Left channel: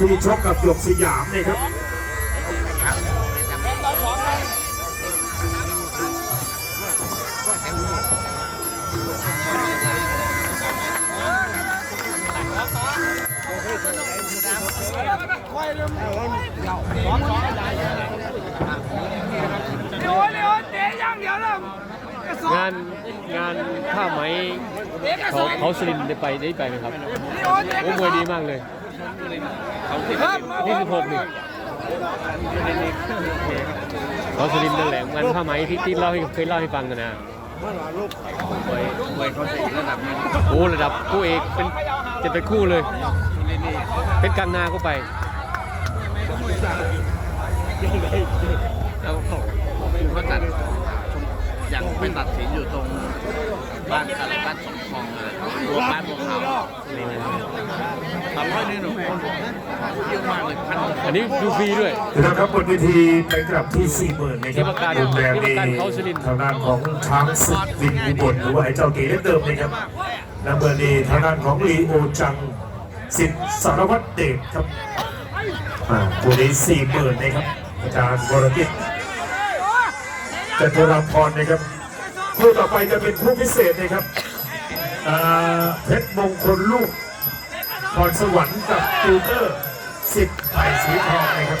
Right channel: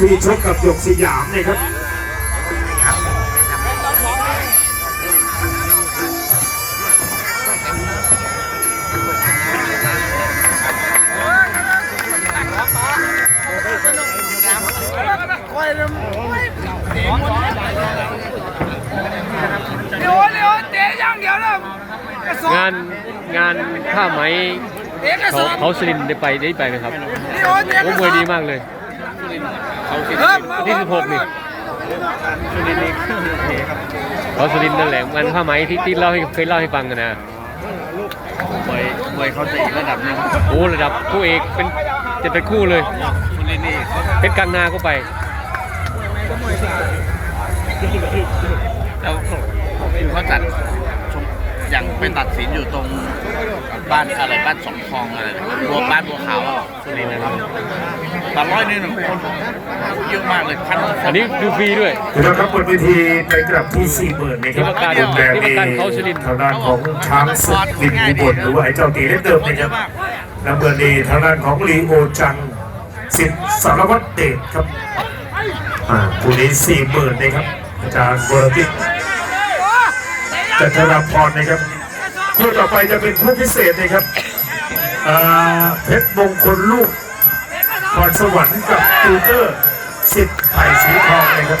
ที่ชกกับหยกสยามเนี่ยครับเดี๋ยวเดี๋ยวเตะอย่างเดียวงานงานผ้าไหมเขาเขาสลินได้ไปได้ไปไหมครับโอ้มวยดีมากเลย วันที่ 16 นี่เขาสลินนั่นแหละงานผ้าไหมที่ที่เล่าให้เคยเล่าให้ฟังกันนะมวยมวยเขาจะอีกระดับหนึ่งโอ้ระดับคู่เอกเป็นจะเป็นคู่เลยคุณนี่นี่เขาเป็นกลางนาก็ไป แล้วเขาจัด อย่างเป็นตัดสินอยู่ตรงบ้านอะไรบ้านสองคลองอะไรนะรวมบ้านบัวขาวสุรินทร์นะครับตอนร้อยนี่หนึ่งคนเยอะมากเลยพันกว่าคอันนี้ดูฟรีด้วยแล้วครับบนเวทีไปกลับที่สี่หมื่นนะครัที่ว่าการมุมแดงที่ว่าการเขาสุรินทร์ทางด้านของช้างศึกลิมอุบลหรือว่าไอ้เจ้าตีเล็กเดิมนะครับน้ำเงินนี่ทางด้านของลีโอจังสิทธิ์สารวัตรเดชครับอ่าคู่นี้สี่หมื่นนะครับอาจารย์บรติต จันทรพรนะครับคู่ต่อไปจะเป็นคู่พิเศษนะครับเพชรมงคลลูกพรสวรรค์กับตูเตอร์สิทธิ์ไผ่สีทองนะครับ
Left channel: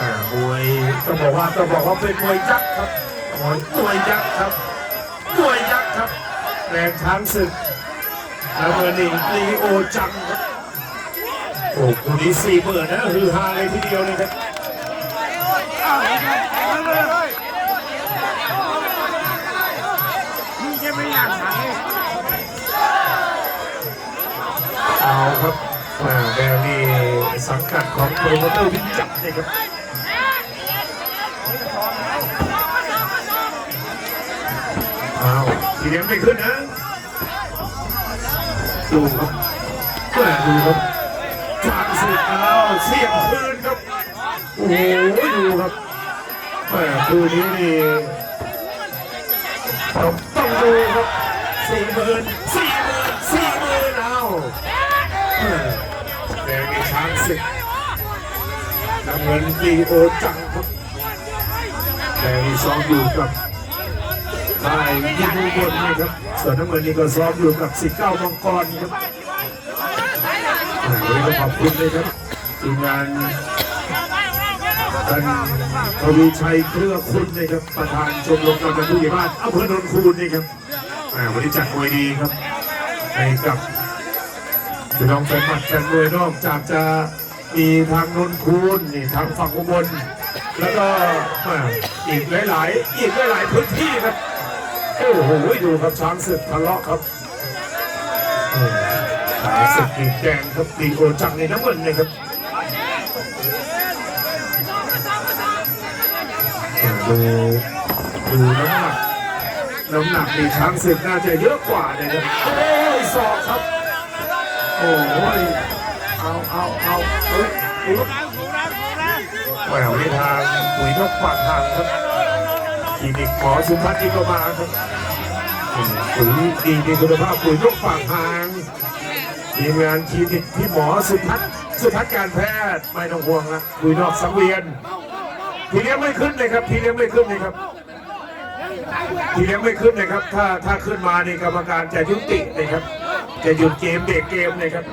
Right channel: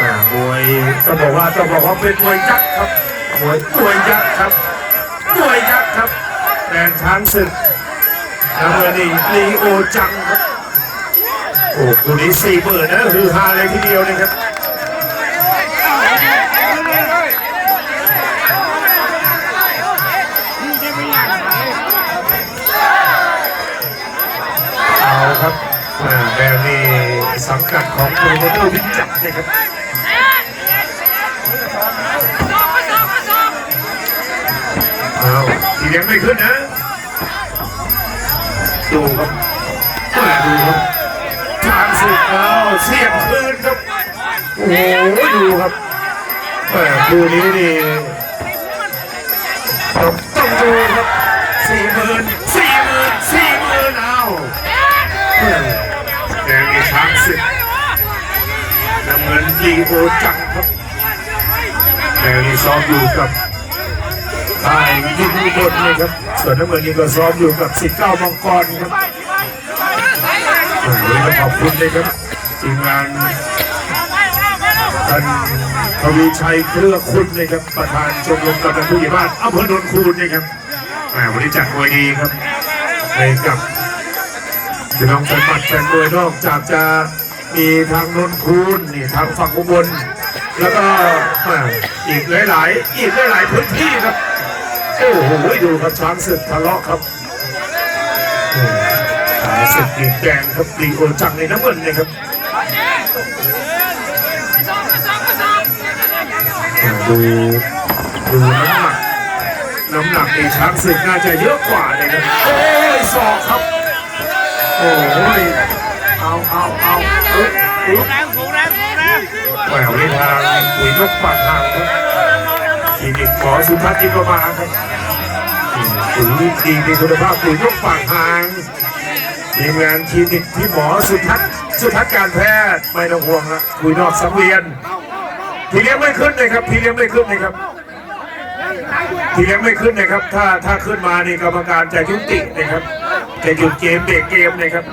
อ่ามวยต้องบอกว่าต้องบอกว่าเป็นมวยยักษ์ครับมวยมวยักษ์ครับมวยยักษ์ครับแดงช้างศึกแล้วเมื่อนี้ลีโอจังครับโอ้คู่นี้สี่หมื่นนะฮือฮาเลยทีเดียวนะครับ สังกัดของโปรโมเตอร์วิจักรนะครับเอาทีเลี้ยงไม่ขึ้นนะดูครับแหมดูครับทางสุดเอาเสียบคืนครับโอ้โหดูครับแหมคู่นี้นี่ต้องต้องดูครับสี่หมื่น ศึกน้ำเงินลีโอจังครับแดงนี่ซ้อมอยู่กับได้ยิงทุกคนเลยครับ ส่วนน้ำเงินนี่ก็ซ้อมอยู่กับสิบเก้ามังกรครับโอ้โหวันนี้ต้องขอบคุณเลยครับทีมงานท่านทวีชัยเครือคุณเลยครับประธานชมรมกำนันผู้ใหญ่บ้านอำเภอโนนคูนนะครับวันนี้จัดมวยดีครับในกับ พี่น้องแฟนหมัดแฟนมวยนอกจากจะมีทางนนคูนนี่ทางฝั่งอุบลแล้วก็แหมอีกหลายๆอีกหลายๆพื้นที่ครับโอ้โหดูครับช้างศึกทะเลาะครับโอ้ช้างศึกดีแดงครับดีโอจังในน้ำเงินเลยครับอ่าดูดูน้ำหนักน้ำหนักในช้างศึกน่าจะเยอะกว่าเลยครับโอ้ยศอกครับ โอ้ยเอาเอาเอาเอ้ยเอ้ยแรงสูงแรงสูงแรงแหววในทาปุ๋ยนกปากทางคลินิกหมอสุทัศน์จิตประมาครับปุ๋ยดีมีคุณภาพปุ๋ยนกปากทางทีมงานคลินิกที่หมอสุทัศน์สุทัศน์การแพทย์ไม่ต้องห่วงละปุ๋ยนอกสังเวียนทีเลี้ยงไม่ขึ้นเลยครับ ทีเลี้ยงไม่ขึ้นเลยครับ ทีเลี้ยงไม่ขึ้นเลยครับ ถ้าถ้าขึ้นมานี่กรรมการจะยุตินะครับ จะหยุดเกมเบรกเกมเลยครับ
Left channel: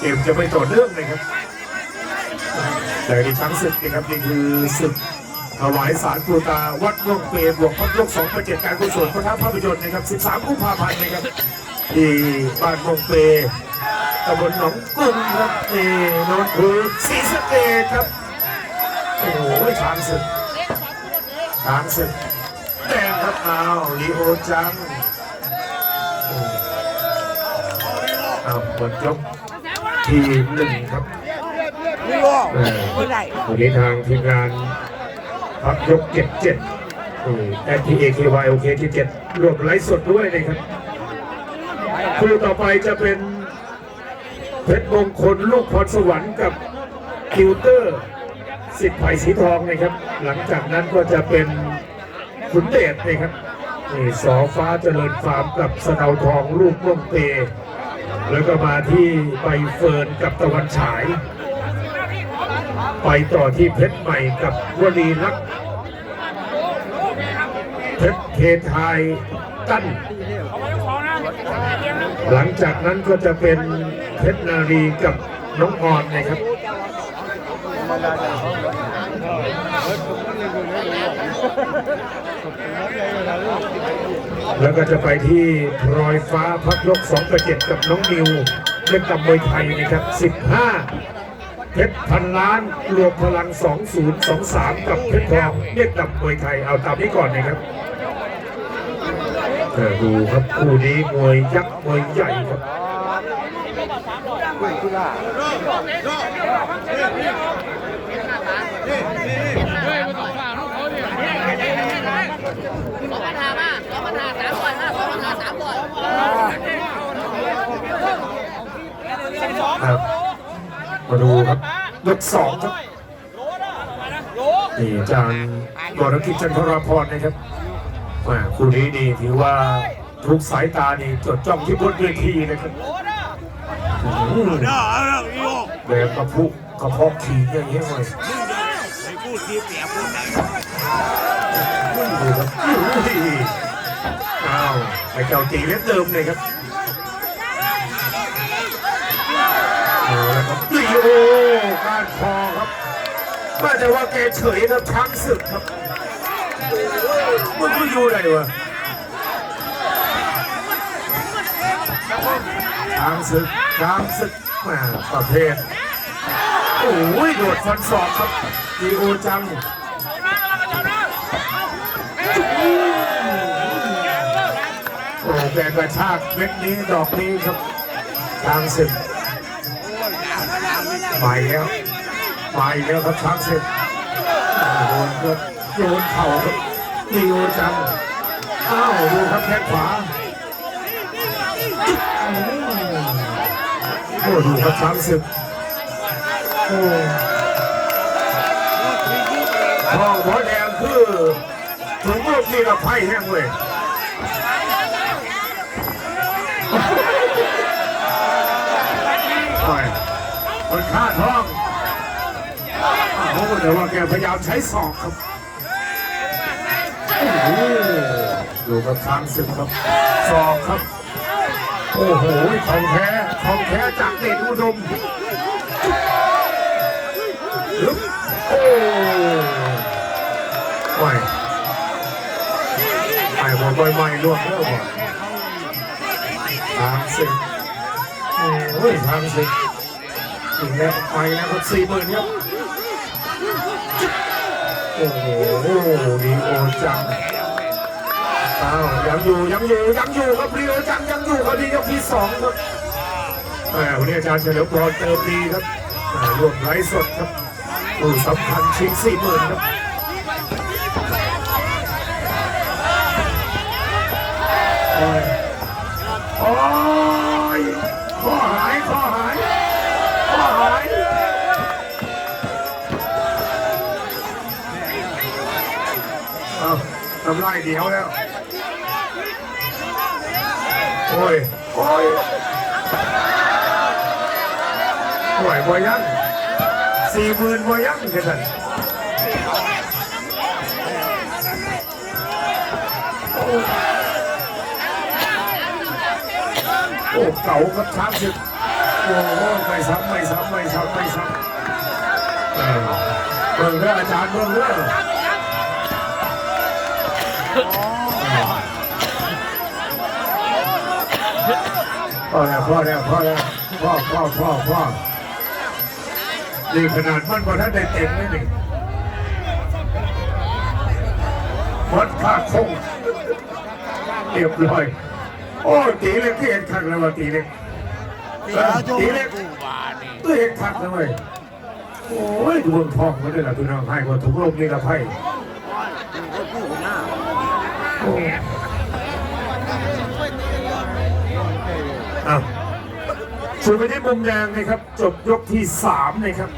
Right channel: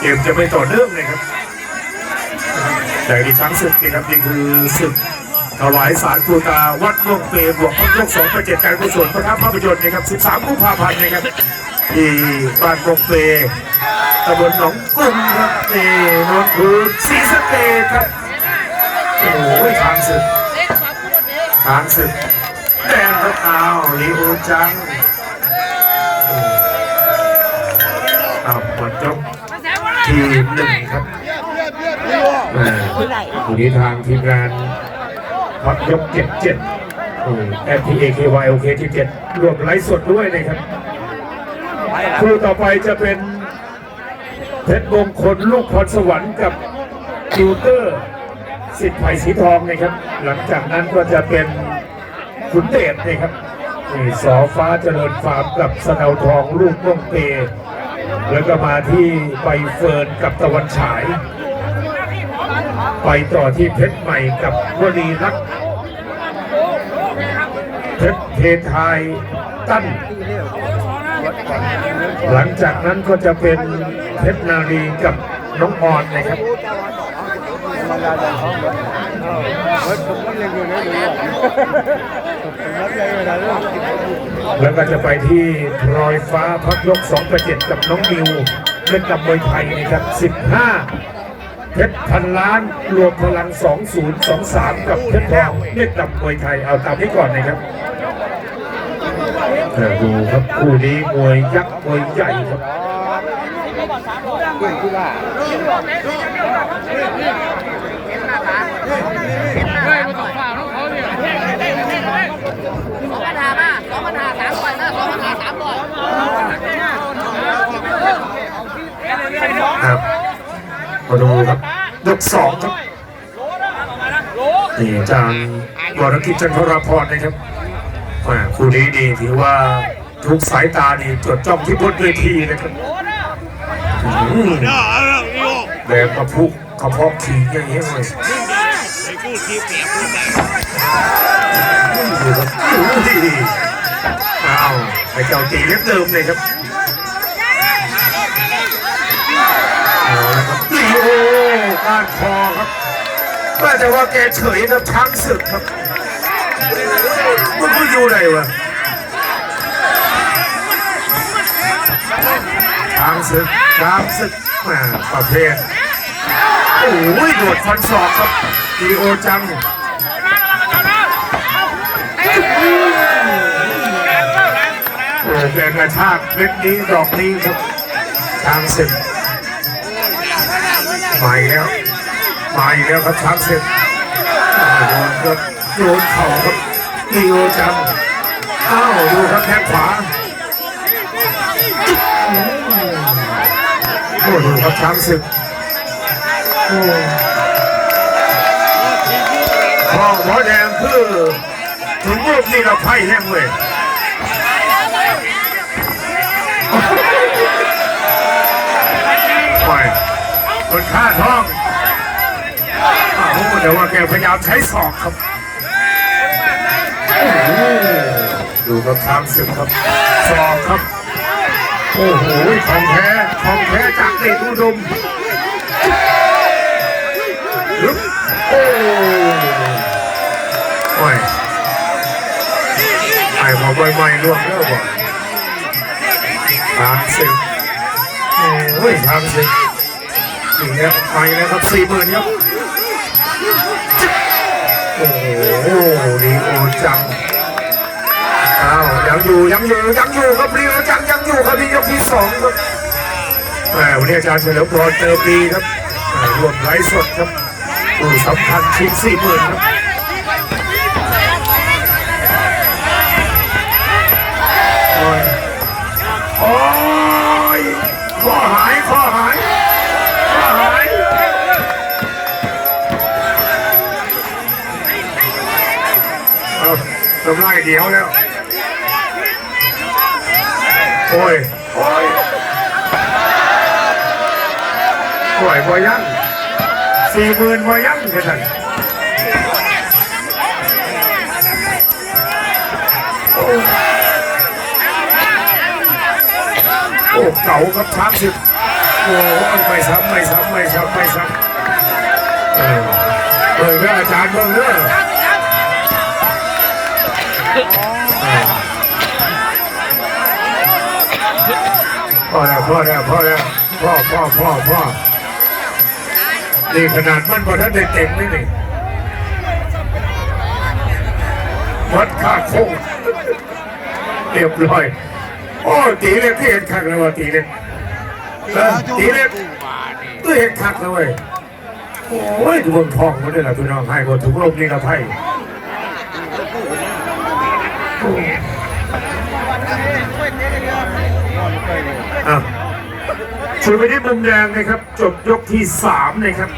เกมจะไม่ต่อเนื่องเลยครับใหญ่ในช้างศึกนะครับนี่คือศึกถวายสารปูตาวัดม่วงเปรบวกพักยกสองประเจ็ดการกุศลพระธาตุภาพยนตร์นะครับ 13 กุมภาพันธ์นะครับที่บ้านม่วงเปรตำบลหนองกุ้งครับนี่นนคือศรีสะเกษครับโอ้โหช้างศึกช้างศึกแดงรับอ้าวลีโอจัง อ้าวหมดยกทีมหนึ่งครับแม่วันนี้ทางทีมงานพักยกเก็บเจ็ดแอทีเอเควายโอเคที่เจ็ดรวมไลฟ์สดด้วยนะครับคู่ต่อไปจะเป็นเพชรมงคลลูกพรสวรรค์กับจูเตอร์สิทธิ์ไผ่สีทองนะครับ หลังจากนั้นก็จะเป็นขุนเดชนะครับสอฟ้าเจริญฟาร์มกับสะเดาทองลูกม่วงเต แล้วก็มาที่ใบเฟิร์นกับตะวันฉาย ไปต่อที่เพชรใหม่กับวลีรักเพชรเทไทยตั้น หลังจากนั้นก็จะเป็นเพชรนารีกับน้องออนนะครับ แล้วก็จะไปที่พลอยฟ้าพักยก2ประเจ็ดกับน้องนิวเล่นกับมวยไทยนะครับ 15 เพชรพันล้านรวมพลัง 2023 กับเพชรทองเล่นกับมวยไทยเอาตามนี้ก่อนนะครับเออดูครับคู่นี้มวยยักษ์มวยใหญ่ครับ ครับมาดูครับยกสองครับนี่อาจารย์วรกิจจันทรพรนะครับแหม่คู่นี้นี่ถือว่าทุกสายตานี่จดจ้องที่บนเวทีนะครับอืมแดงกระพุกกระเพาะขี่อย่างเงี้ยเลยดูครับอุ้ยอ้าวไอ้เจ้าตีเล็บเดิมเลยครับ ก้านคอครับน่าจะว่าแกเฉยครับช้างศึกครับมันก็อยู่ไหนวะช้างศึกช้างศึกมาประเภทโอ้ยโดดฟันศอกครับดีโอจังโอ้แกกระชากเม็ดนี้ดอกนี้ครับช้างศึกมาอีกแล้ว มาอีกแล้วครับช้างเสร็จโดนครับโยนเข่าครับลีโอจังอ้าวดูครับแข้งขวาโอ้ดูครับช้างศึกโอ้พ่อหมอแดงคือถึงรูปนี่เราไพ่แห้งเลยไปคนฆ่าท้อง โอ้โหแต่ว่าแกพยายามใช้ศอกครับโอ้โหดูครับช้างศึกครับศอกครับ โอ้โหของแท้ของแท้จากเดชอุดมฮึบโอ้ไม่ไอ้บอกไม่ไม่ล่วงแล้วบ่ช้างศึกโอ้ยช้างศึกถึงแล้วไปแล้วครับสี่หมื่นครับ โอ้โหลีโอจังอ้าวยังอยู่ยังอยู่ยังอยู่ครับลีโอจังยังอยู่ครับที่ยกที่สองครับแหมวันนี้อาจารย์เฉลิมพรเจอปีครับรวมไลฟ์สดครับผู้สำคัญชิ้นสี่หมื่นครับำลายเดียวแล้ว โอ้ย โอ้ยโอ้ยบอยังสี่หมื่นบอยังกันนั่นโอ้โอ้เก่ากับช้างสิบโอ้ยไม่ซ้ำไม่ซ้ำไม่ซ้ำไม่ซ้ำเออเบิ่งเด้ออาจารย์เบิ่งเด้อเออ พ่อแล้วพ่อแล้วพ่อแล้วพ่อพ่อพ่อพ่อนี่ขนาดมันพอท่านได้เต็มนี่นี่วัดค่าคงเรียบร้อย โอ้ตีเล็กที่เห็นข้างแล้วว่าตีเล็กตีเล็กก็เห็นคักแล้วเว้ยโอ้ยดูบนทองมาด้วยล่ะพี่น้องให้หมดทุกโลกนี่ละไพ่ อะชูไปที่มุมแดงนะครับ จบยกที่สามนะครับ